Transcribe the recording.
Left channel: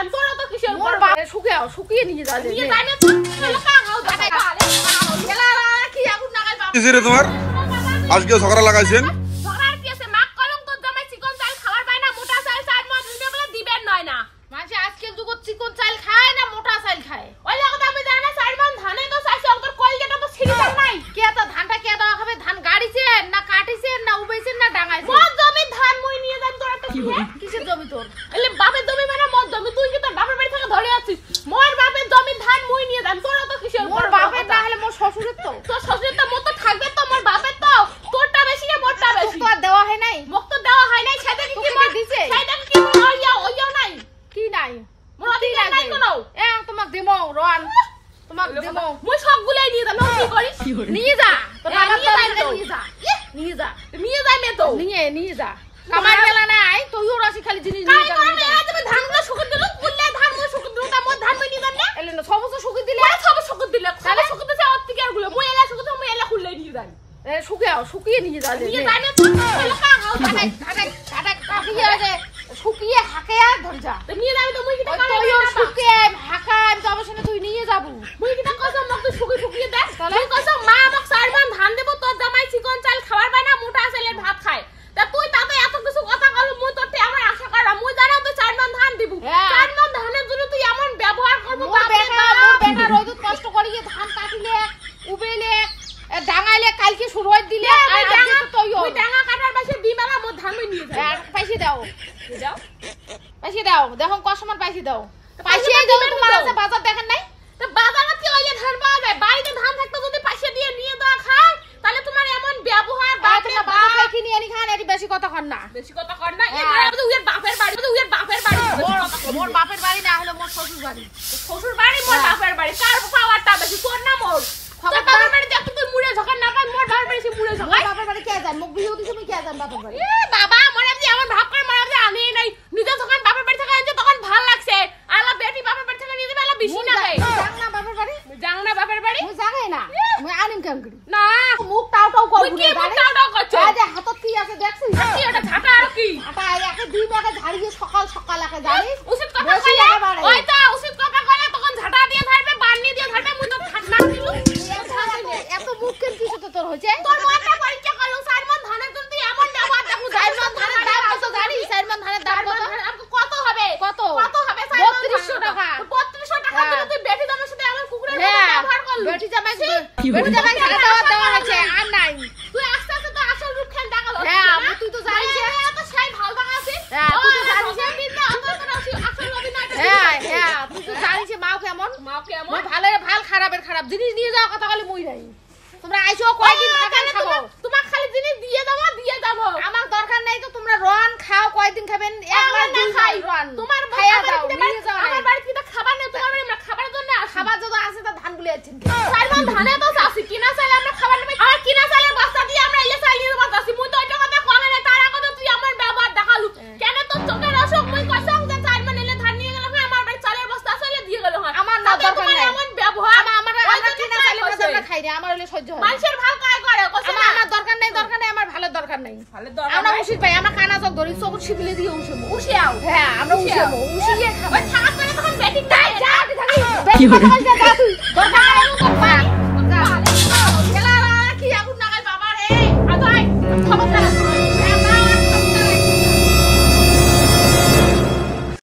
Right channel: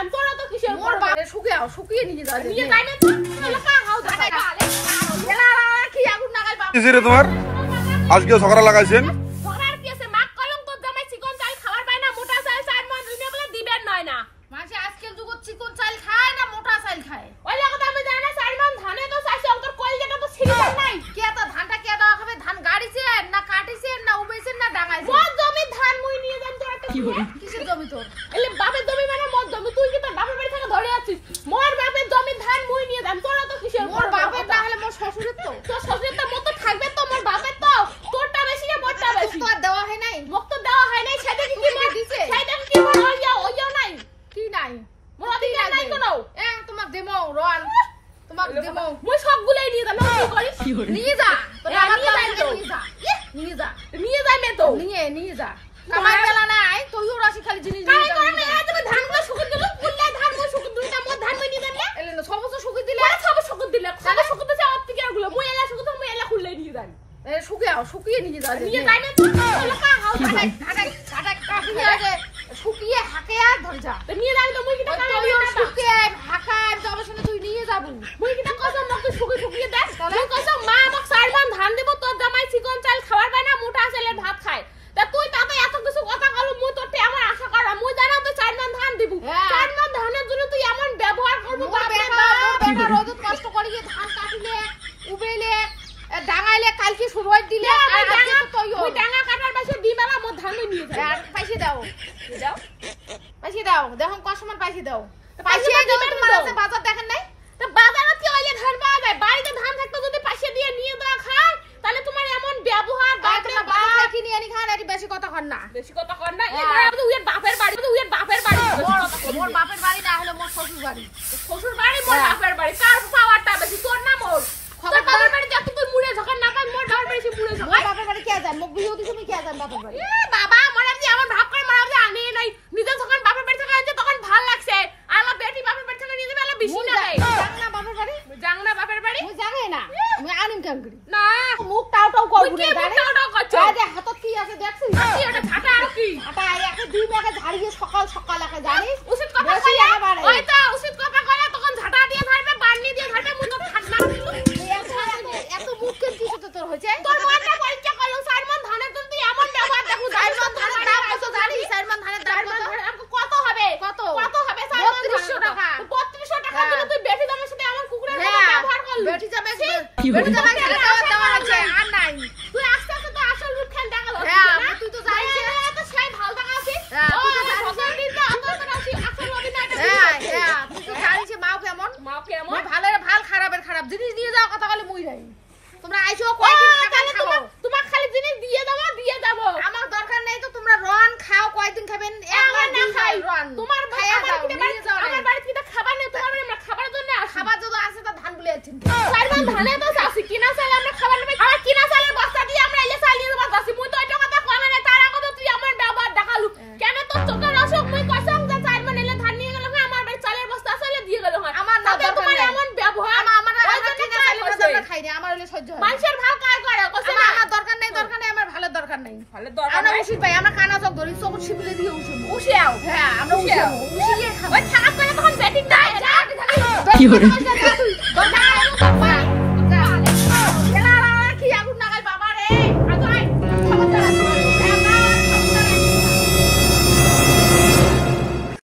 দাম তোরা তো কিসের মোর বাড়ি শুকিয়ে নিয়ে যা নিয়ে যাই না তো এলাকা গাও দেখাই বালে কি আগুন লাগাই বাবা কিসে রে তোমার আজকে সকালে লাগাইছেন সরার কি আছে মাক কলম তো জমাই চিকন চাল খাবার পায় না মোটা চাল চার মাস দিনে বলে দিবেন নয় না মাঝে আজকে দুগো চিকন চাল খায় না মোটা চাল খায় ওই লাগা আমি জানি না চার মান ধানে তো চাইছে অন্তর কলজাটা তো ছিড়ি নাই কে তো ধানটা কে দাও খাবে ধান গাড়িছেন না কাটিছেন না উবেছেন না ডাঙাইছেন মোর জমি ধান মুই নিয়ে যাই তোরা তো কি করে কিসের জমি তোর এলে বাপের জমি মানে মোর জমি তুই কি তোর বাপের বাড়ি থেকে ধরে আছিস মোর বাপের জমি ধান মুই নিয়ে যাই তোরা তো কিসের মোর বাপের না হলে মোর শ্বশুরের তো তোর শ্বশুরের তো মত থাকবে তো মোর বাপের তো তোরটা বেশি না মোরটা বেশি তো আর দেওয়া হয় নাই মুখ তো দেওয়া হয় নাই সেটা কি তুমি দিছে সেটা কি মোর ওইও নাই কি নাই মোর অধিকার নাই কোনো তোমাক দেমো রন তোমাক দেমো মুই সবগুলাই নিয়ে যাই কি করি নিয়ে যা তোরা নিয়ে যাই তো নিয়ে যা নিয়ে যা নিয়ে যাই না তো নিয়ে যা কামাই গেলা নাই তুইও রাশি খালি জিনিস কাই নিয়ে করে মেলা তুমি ধান গুলো শুকুর দিল কুল্লে ধান গুলো শুকুর দিল তা মোর ধান মুই নিয়ে যাই না এলে না সবস শুকি দিলে সব শুকুর দিলে তাহলে শুকুর দিতে আমার থেকে গুলো মুই এলা শুকুর মুই এলা কুল্লে নিয়ে যাই শুকিয়ে নিয়ে যা নিয়ে যাই না তো এলাকা গাও শুকিয়ে হাকে আর ধর যা তো নিয়ে যাই তো মুই কিটা কানে তুইও শুকিয়ে হাকা যাবো শুনে তুই নিয়ে যাবো মুই কিটা কসম মক তুই শুকিয়ে দে মুই কসম মা আমাক চারবার ধান দেব তোর জামাই চিকন চাল খাবার পায় না মোটা চালের ভাত খায় তা তুই তাতে এত কিছু কথা কল মুই তোরতে আমার আশা করা মুই জানা তো চারবার ধান দিব চারবার ধানের জন্য তুই এমন ব্যবহার করব বাপরে বাপ রোদ কষ্ট করিয়ে ধান কাটিলে উবেলে ডাঙাইলে কালকে শুরু হই দিলে ওই ডাঙা কাটার পাশে দিমালা মোর ধান মুই নিয়ে যাই পয়সা দাও যাও পয়সা দাও দেখো কসমন পয়সা দাও পয়সা পয়সা দাও দাও তোমার তোমার আছে আছে বাজার দেখেন নাই তো বাজারে কি ওই ধান পাওয়া যায় বাড়িতে ধান থাকতে যদি পয়সা দিয়ে নিয়ে দেওয়া খায় তাহলে তোমার এমন ব্যবহার বাপরে তোমার বাপ বাজার কিনে আনি খান এটি বেশি কথা কর না বেশি কথা কর না এই ধরে আমাদের উয়ের বাপের বাড়ি উয়ের বাপের বাড়ি মোর বাপের বাড়ি না হলে মোর শ্বশুর বাড়ি শ্বশুর বাড়ি মোর বাপের বাড়ি কার পাওয়ারটা বেশি তোর না মোর তোর বাপের বাড়ি দেখ তুই মুড়ে যখন না পাই মোর বাপের বেশি মুড়ে মোর যখন বাপের বাড়ি কে জান মুখ বিয়ে দিছ আমি কে জান বাপের বাড়ি এ বাবা মনে যে আমার ভাগ করে মারা যে আমি নাই নিজে যখন বাপের বাড়ি থেকে আইছে তখন ভাল লাগছে আলা বেটি বাপের বাড়ি থেকে নিয়ে যাবে আলা বেশি না দেয় জান না বাপের বাড়ি জানো না বাপের বাড়ি মুই জানে না মুই আনিম কেন করি না মুখ টাও টাও করবো কি না জানে টাও করছ এই যে হাতত কি আছে দেখছিস কি ওটা ঝাঁটা আর কি আটা একে দুই মেকে ঝাড়িয়ে সকাল সকাল একে জানিস উচিত কথা বেশি কইলে একেবারে ওই তো উচিত কথা কইলে তখন ঝাঁটা দিয়ে ঝাড়বে বান্নি দিয়ে ঝাড়বে মুই তো ঠান্ডা দিলু এত মুখ কেন তো তোর হইছে তোর মাথা পরীক্ষা করলো সারমান ধানের জন্য তুই এমন ব্যবহার দেখু সাইমন ধানের দাম কত জানিস সাইমন ধানের দাম কত কত হবে কত কত হবে সারমান 3200 টাকা 3200 টাকা দিলে তুই বেটি দামের সাথে এমন কুকুরের মতো ব্যবহার করলি বেটি জামাই বেটি জামাই দেওয়া আছে আর নাই তুই আস্তে আস্তে তো আসল রূপ খেন দেখা যাচ্ছে হ্যাঁ তুই তো জানিস এত সেই ভালো টাকা আছে হ্যাঁ তুই তো জানিস কিন্তু অত আসল অভিনয় হ্যাঁ তুই তো জানিস মা কেমন কেমন ভাল খারাপের খারাপ জিনিস নিয়ে যাওয়া কথা বলে মুই নাই তোমরা আইছো কয়দিন থাকেন খাবো তোমার খালি জিনিস দিয়ে যাবো আমার দরকার নাই তো তোমরা রন খাও কয়দিন খাবেন একবার না খাই রন তোমার খাইয়া আমার দাও নিয়ে যাও আমার বাড়িতে কি খাবার নেই তোমার বাড়ি আমরা খাবারের জন্য আসি খাবার যদি আছে তো ধান গুলো আছেন সারমান ধানে তো আসি কিনা চাইলে আমরা খাবার নেই আর কিনা চাইলে বস্তা দিয়ে আমরা এলে চালিয়ে দেবো আসি মুই তো ওই টাকাতে কমে না তার আগে তো তুই আমার ব্যবহার দেখালু কেন তোর চোখের অসুখ মুই কসম যে সারমান এলে ধান নিয়ে গেল আমার বাড়ি চালের বস্তা চাইলে দিয়ে গেল আমার না তোমার এমন ব্যবহার আমার কিনা চাইলে খাই না আমার হলে সহ্য হয় মানুষের ভাল কাজ করে কসম আমার দরকার নাই আমার ভালো দরকার নাই ভালো দরকার আমরা উচিত ভাই আমরা কানা জগ ধরি সব শিখলে দিয়ে উশিয়াও হ্যাঁ আমরা উশিয়ে খাবো ওই খারাপ করে তখন ব্যাটিং নাই যা কি করে